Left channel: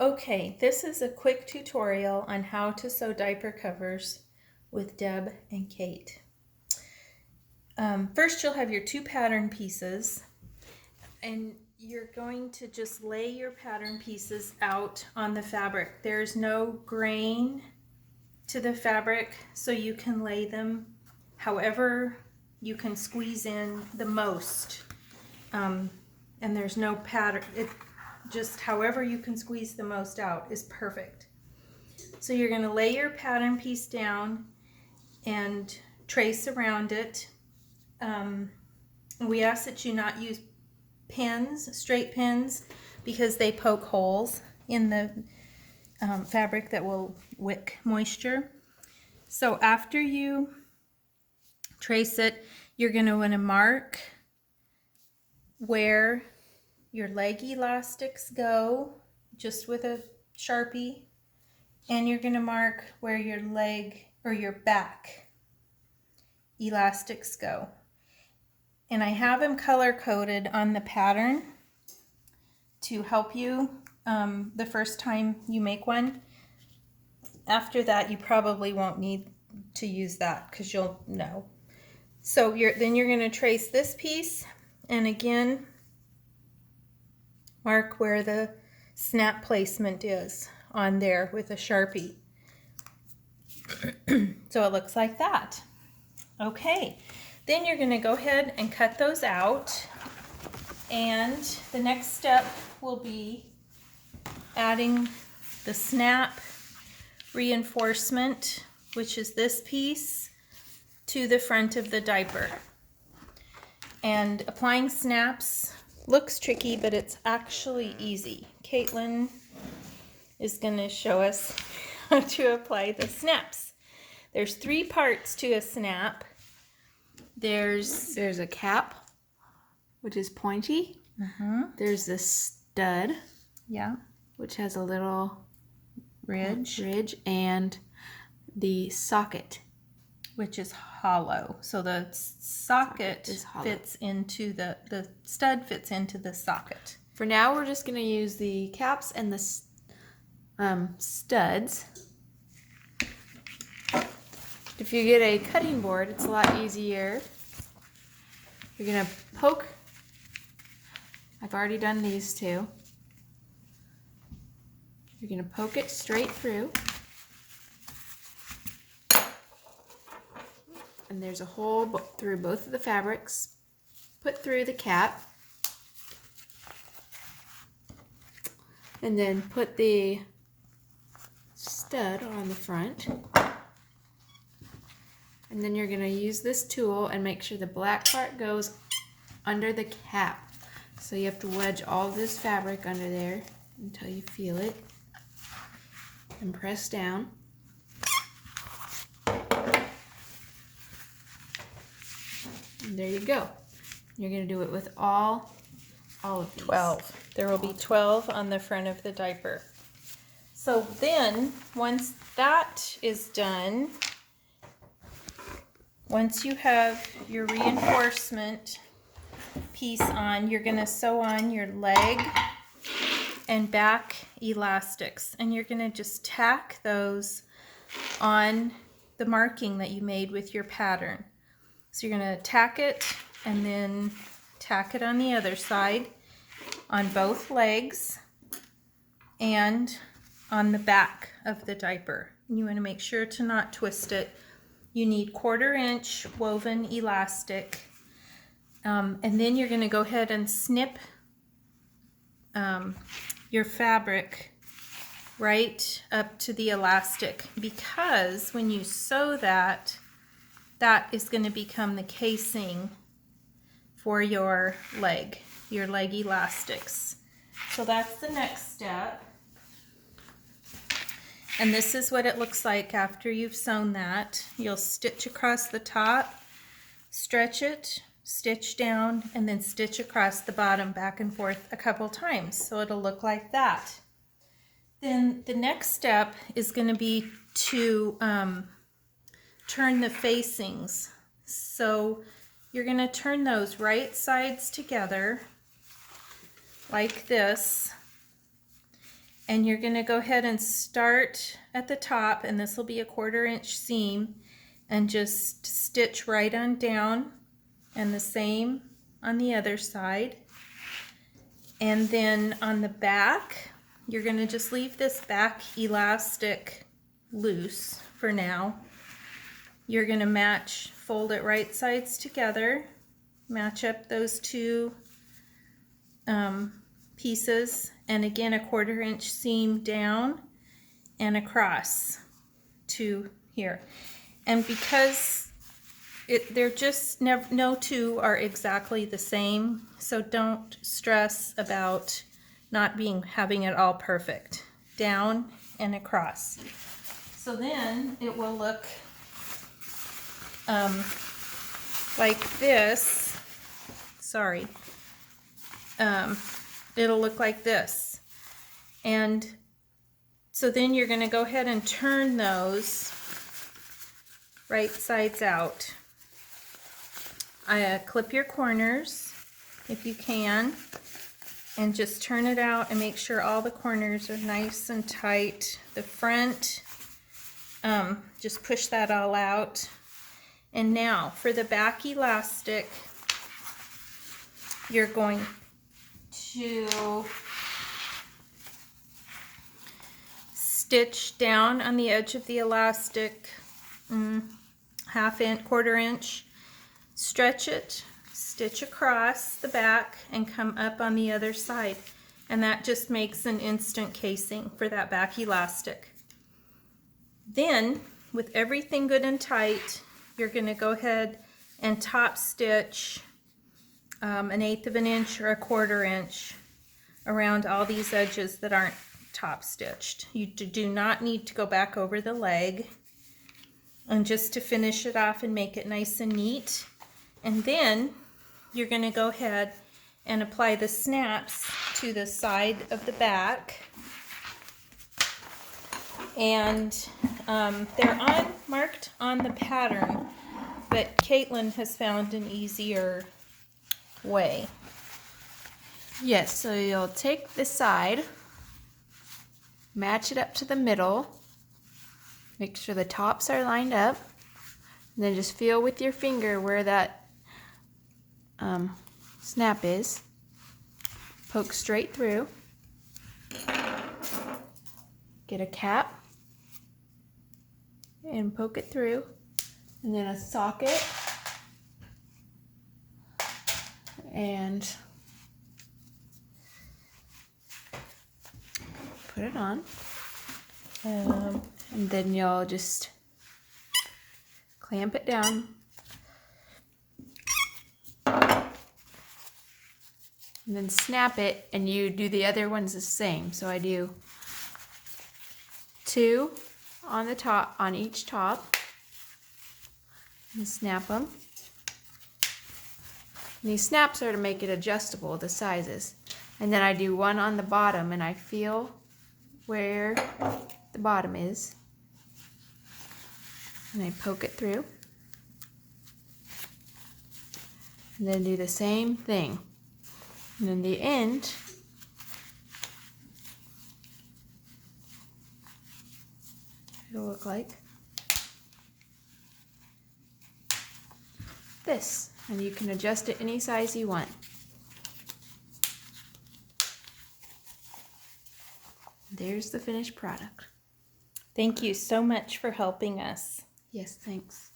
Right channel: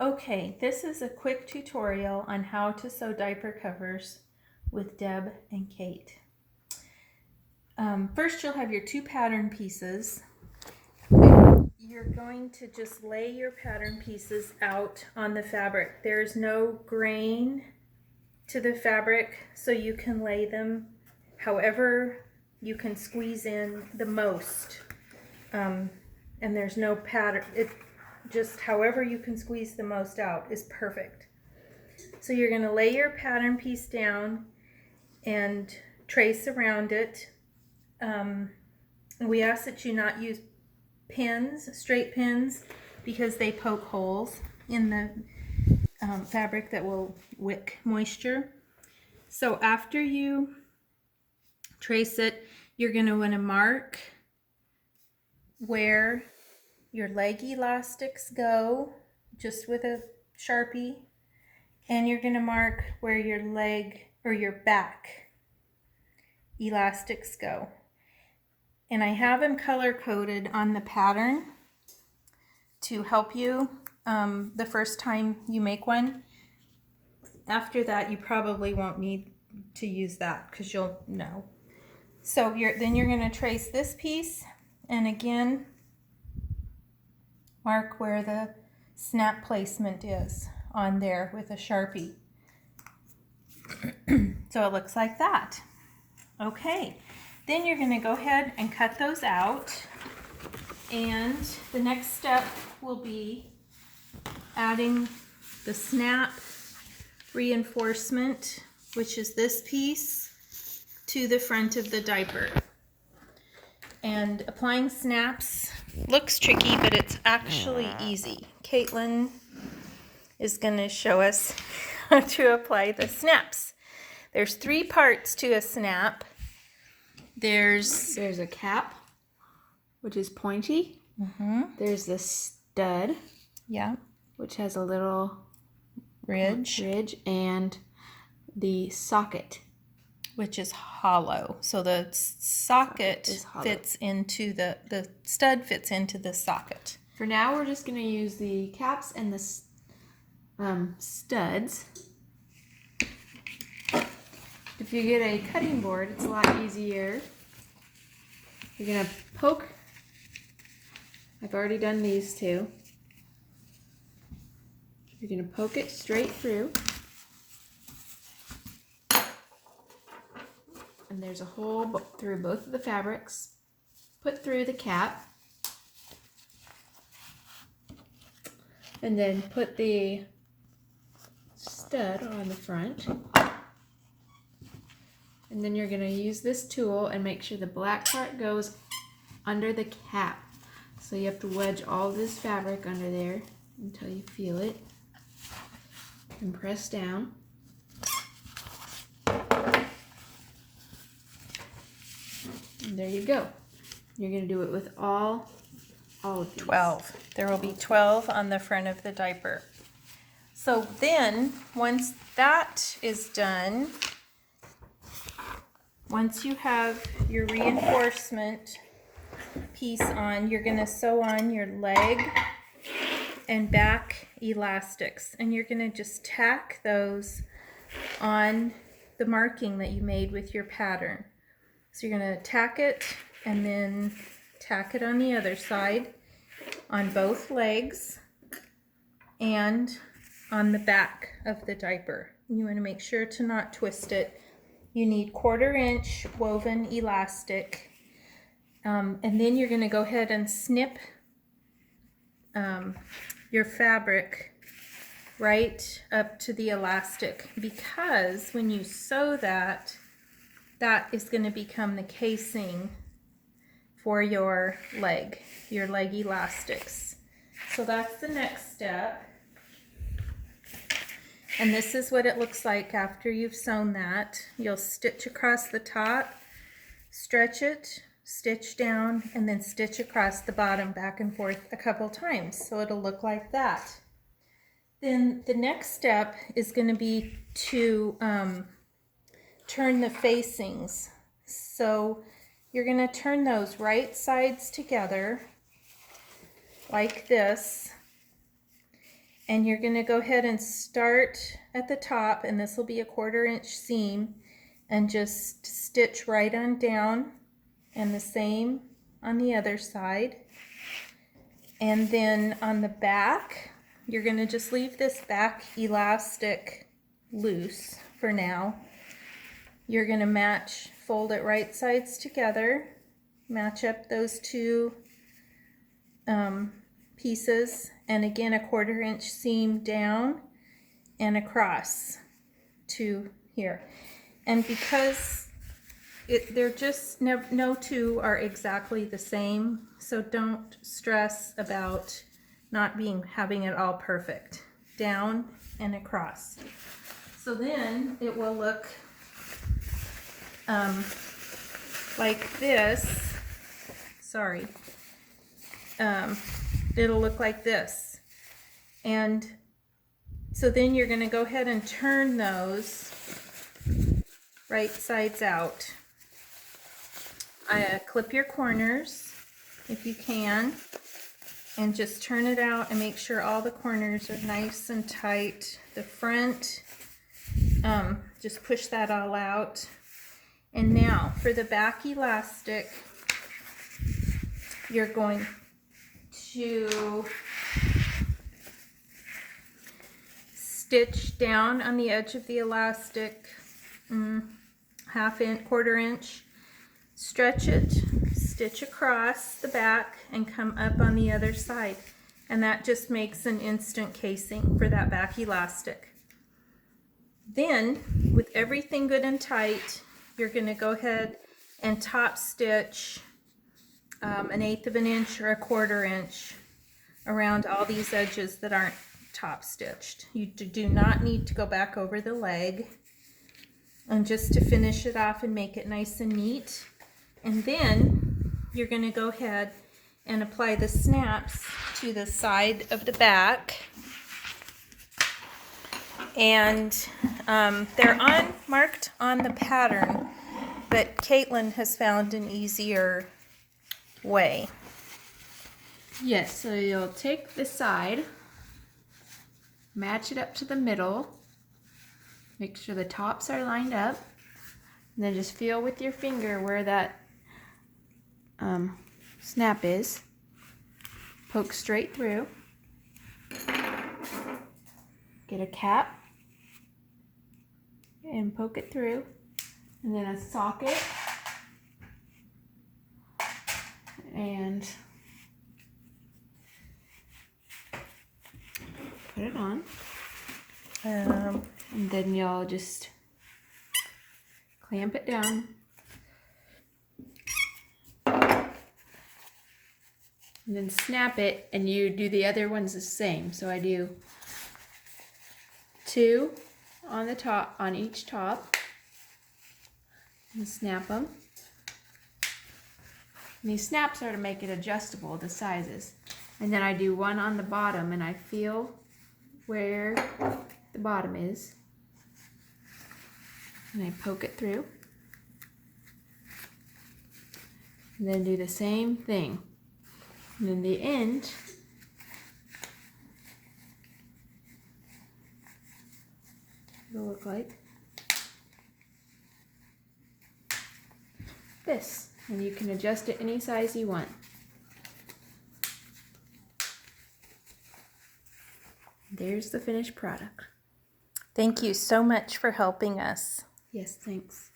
Okay, this is a quick tutorial on how to sew diaper covers with Deb and Kate. First, you'll have your two pattern pieces. And you're going to just lay your pattern pieces out on the fabric. There's no grain to the fabric, so you can lay them however you can squeeze in the most. And there's no pattern. Just however you can squeeze the most out is perfect. So you're going to lay your pattern piece down and trace around it. We ask that you not use pins, straight pins, because they poke holes in the fabric that will wick moisture. So after you trace it, you're going to want to mark where your leg elastics go, just with a Sharpie, and you're going to mark where your leg or your back elastics go. And I have them color coded on the pattern to help you the first time you make one. After that, you probably won't need to use that because you'll know. So then you're going to trace this piece, and again mark where the snap placement is on there with a Sharpie. So it looks like that. Okay, then you're going to go ahead and cut those out, and the next step will be adding the snap reinforcement, which is this piece, to the front of the diaper. And applying snaps looks tricky, but it's actually easy. Caitlin is going to show us how to apply the snaps. There's three parts to a snap. There's a cap, which is pointy. There's the stud, yeah, which has a little ridge, and the socket, which is hollow. So the socket fits into the stud fits into the socket. For now, we're just going to use the caps and the studs. If you get a cutting board, it's a lot easier. You're going to poke. I've already done these two. You're going to poke it straight through. And there's a hole through both of the fabrics. Put through the cap. And then put the stud on the front. And then you're going to use this tool and make sure the black part goes under the cap. So you have to wedge all this fabric under there until you feel it. And press down. And there you go. You're going to do it with all of these. 12. There will be 12 on the front of the diaper. So then, once that is done, once you have your reinforcement piece on, you're going to sew on your leg and back elastics, and you're going to just tack those on the marking that you made with your pattern. So you're going to tack it and then tack it on the other side on both legs and on the back of the diaper. You want to make sure to not twist it. You need 1/4 inch woven elastic, and then you're going to go ahead and snip your fabric right up to the elastic, because when you sew that, that is going to become the casing for your leg elastics. So that's the next step. And this is what it looks like after you've sewn that. You'll stitch across the top, stretch it, stitch down, and then stitch across the bottom back and forth a couple times. So it'll look like that. Then the next step is going to be to turn the facings. So you're going to turn those right sides together like this, And you're going to go ahead and start at the top, and this will be a 1/4 inch seam, and just stitch right on down, and the same on the other side. And then on the back, you're going to just leave this back elastic loose for now. You're going to fold it right sides together, match up those two pieces, and again a 1/4 inch seam down and across to here. And because they're just no two are exactly the same, so don't stress about not having it all perfect. Down and across. So then it will look like this. Sorry. It'll look like this. And so then you're going to go ahead and turn those right sides out. Clip your corners if you can, and just turn it out and make sure all the corners are nice and tight. The front, just push that all out. And now for the back elastic, you're going to stitch down on the edge of the elastic, 1/2 inch, 1/4 inch, stretch it, stitch across the back, and come up on the other side. And that just makes an instant casing for that back elastic. Then, with everything good and tight, you're going to go ahead and top stitch 1/8 of an inch or a 1/4 inch around all these edges that aren't top stitched. You do not need to go back over the leg, and just to finish it off and make it nice and neat. And then you're going to go ahead and apply the snaps to the side of the back. And they're marked on the pattern, but Caitlin has found an easier way. Yes, so you'll take the side, match it up to the middle, make sure the tops are lined up, and then just feel with your finger where that snap is. Poke straight through. Get a cap and poke it through, and then a socket, and put it on. And then you'll just clamp it down. And then snap it, and you do the other ones the same. So I do 2 on the top, on each top, and snap them. And these snaps are to make it adjustable, the sizes. And then I do 1 on the bottom, and I feel where the bottom is, and I poke it through, and then do the same thing. And then the end, it'll look like this, and you can adjust it any size you want. There's the finished product. Thank you so much for helping us. Yes, thanks.